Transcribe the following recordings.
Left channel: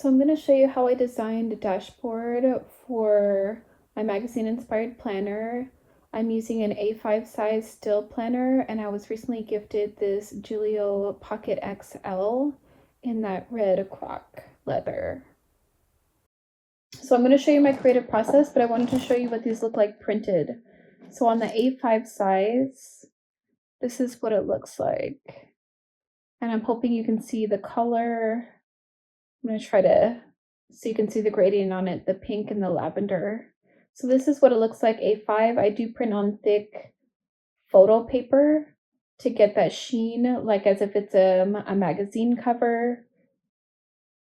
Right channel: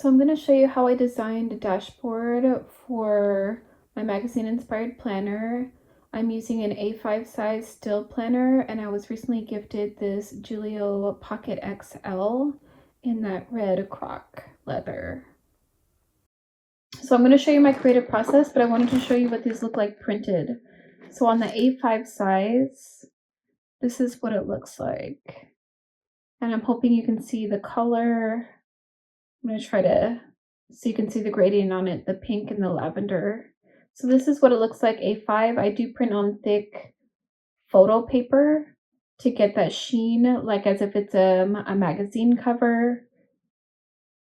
So I'm going to show you how I designed a dashboard for my magazine inspired planner. I'm using an A5 size still planner, and I was recently gifted this Giulio Pocket XL in that red croc leather. So I'm going to show you my creative process, but I wanted to show you what these look like printed. So on the A5 size, this is what it looks like. And I'm hoping you can see the color. I'm going to try to, so you can see the gradient on it, the pink and the lavender. So this is what it looks like A5. I do print on thick photo paper to get that sheen, like as if it's a magazine cover.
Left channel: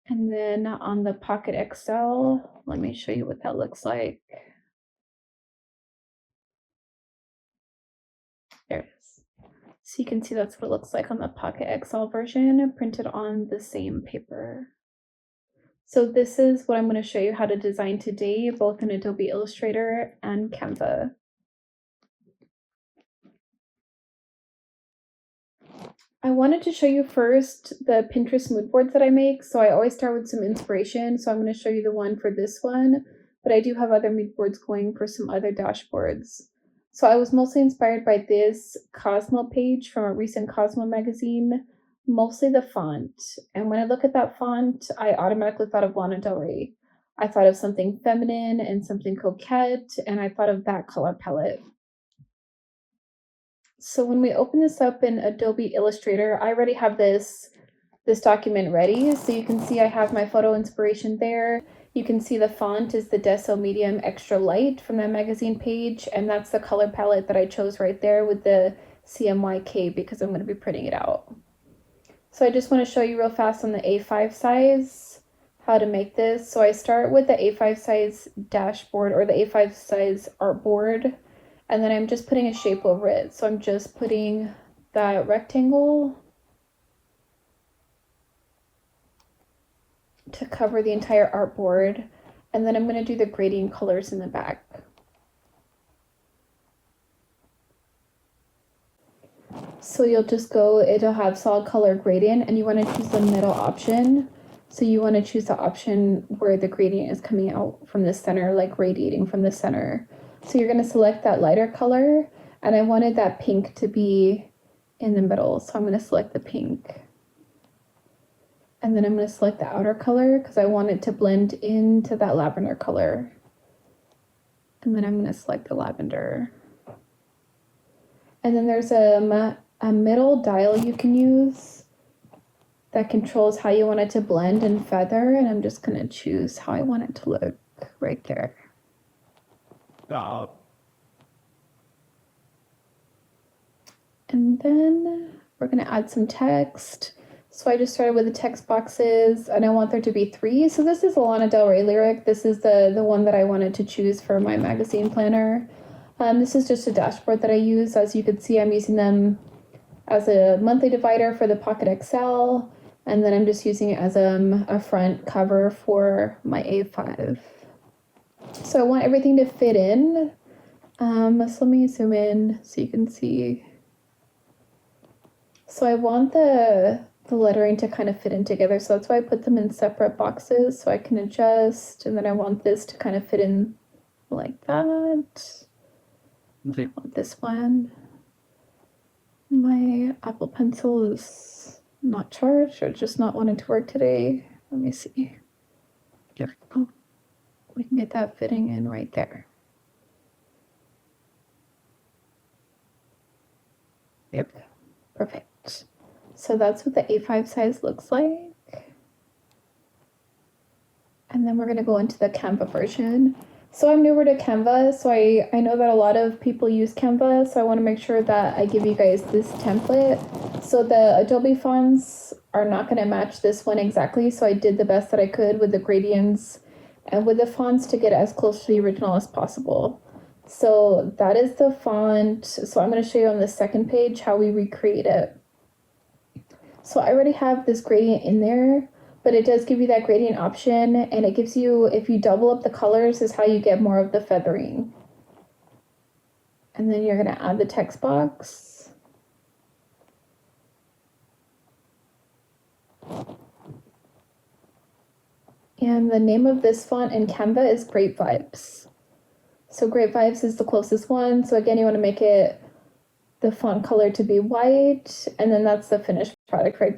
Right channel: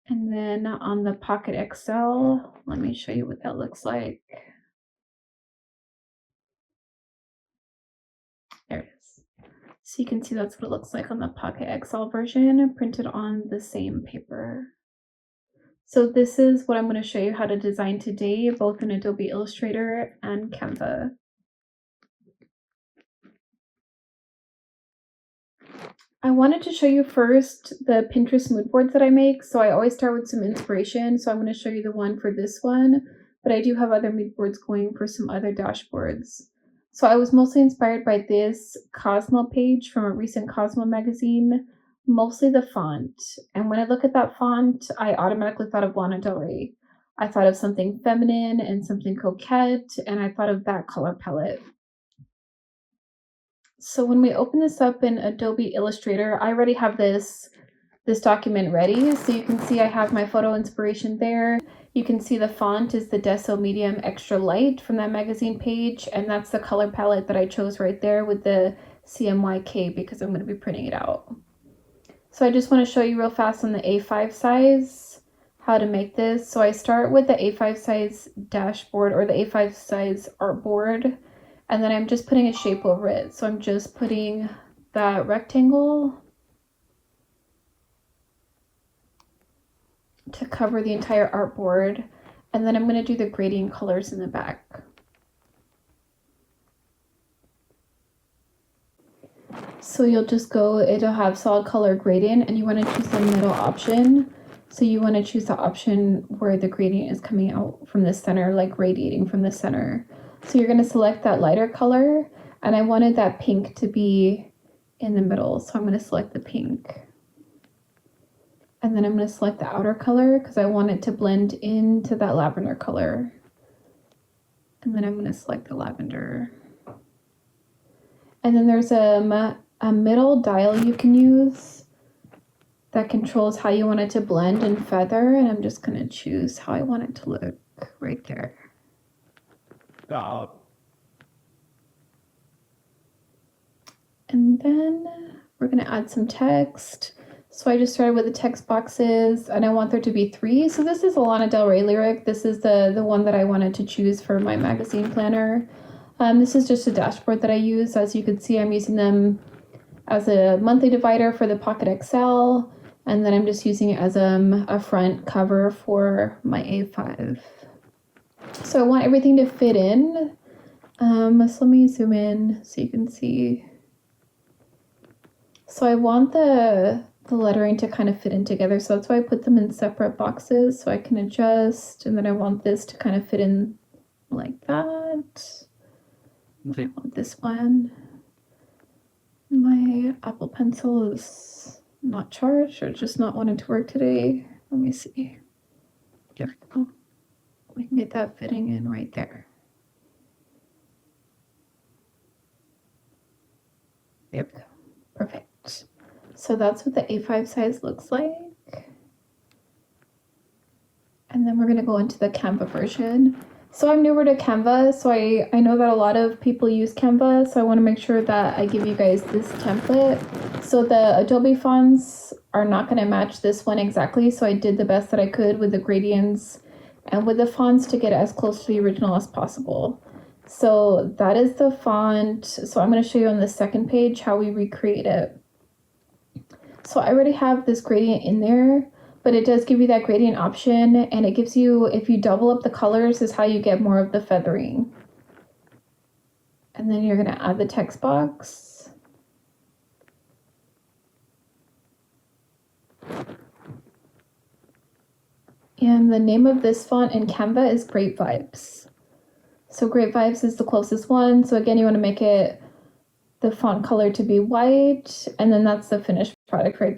And then on the Pocket XL, let me show you what that looks like. There it is. So you can see that's what it looks like on the Pocket XL version, printed on the same paper. So this is what I'm going to show you how to design today, both in Adobe Illustrator and Canva. I wanted to show you first the Pinterest mood boards that I make. So I always start with some inspiration. So I'm going to show you the one for this one, but I do have other mood boards going for some other dashboards. So I was mostly inspired by this Cosmo page from a recent Cosmo magazine, mostly the font. And when I look at that font, I automatically thought of Lana Del Rey. I thought of something feminine and something coquette, and I thought of that color palette. So when we open this up in Adobe Illustrator, I already have this document ready. So you can see I have my photo inspiration there. You can see the font is the Deso Medium Extra Light from that magazine page. And that's the color palette that I chose right there with the CMYK because I'm going to be printing it out. So I just want to show you real fast on the A5 size how to make this. So I start with the A5 size dashboard or the A5 size artboard. And then I'm just putting a shape over it. So I'm just putting that rectangle to cover the entire artboard. And then I'm going to do the gradient colors in the back. So you'll just go, it'll have solid color gradient, and you want to choose the middle option. So you want to choose the option where the gradient is coming out from the center, like radiating from the center. So you're going to select that lighter color, and I wanted that pink to be in the middle. So I'm going to select the pink. And then I'm going to select the outer color because I want it to blend into that lavender color. And then I'm going to select the lavender. And then there's a middle dial you can use that controls how you want it to blend and feather. And I'm just going to choose how I want it to look right there. And then we're going to add some text. So I just started with the text boxes, and I want there to be 3. So this is a Lana Del Rey lyric. This is the one that I wanted to choose for my magazine planner. This is just a dashboard that I use. As you can see, I'm using them as a monthly divider for the Pocket XL, and then I'm just using it as a front cover for my A5. So I want everything to fit in. So let me zoom in so you can see. So I want the lettering to kind of fit in together. So that's why I put them in separate boxes so I can adjust. And then I want this to kind of fit in like that. I want this one. My Apple Pencil is not charged or just not wanting to work today. Let me see. Yeah. Oh, we can get that fitting in right there. Yep. Perfect. So that's what the A5 size looks like. And then we're going to go into the Canva version. So I'm newer to Canva, so I know that a lot of people use Canva, so I want to make sure that I give you guys this template. So the Adobe fonts are not going to match this one exactly, so I did the best that I could with the gradients and with the fonts to get as close to the original as possible. So that is the font. So I'm going to show you on the second page how we recreate it. So I already have this gradient in there, but it does give you that gradient option, and it gives you, if you double up the colors, is how you get more of the feathering. And then you're going to add the text box. And the name of this font in Canva is Great Vibes. So Great Vibes is the closest one. So again, you want to make it the font color to be white, and then that's the finished product right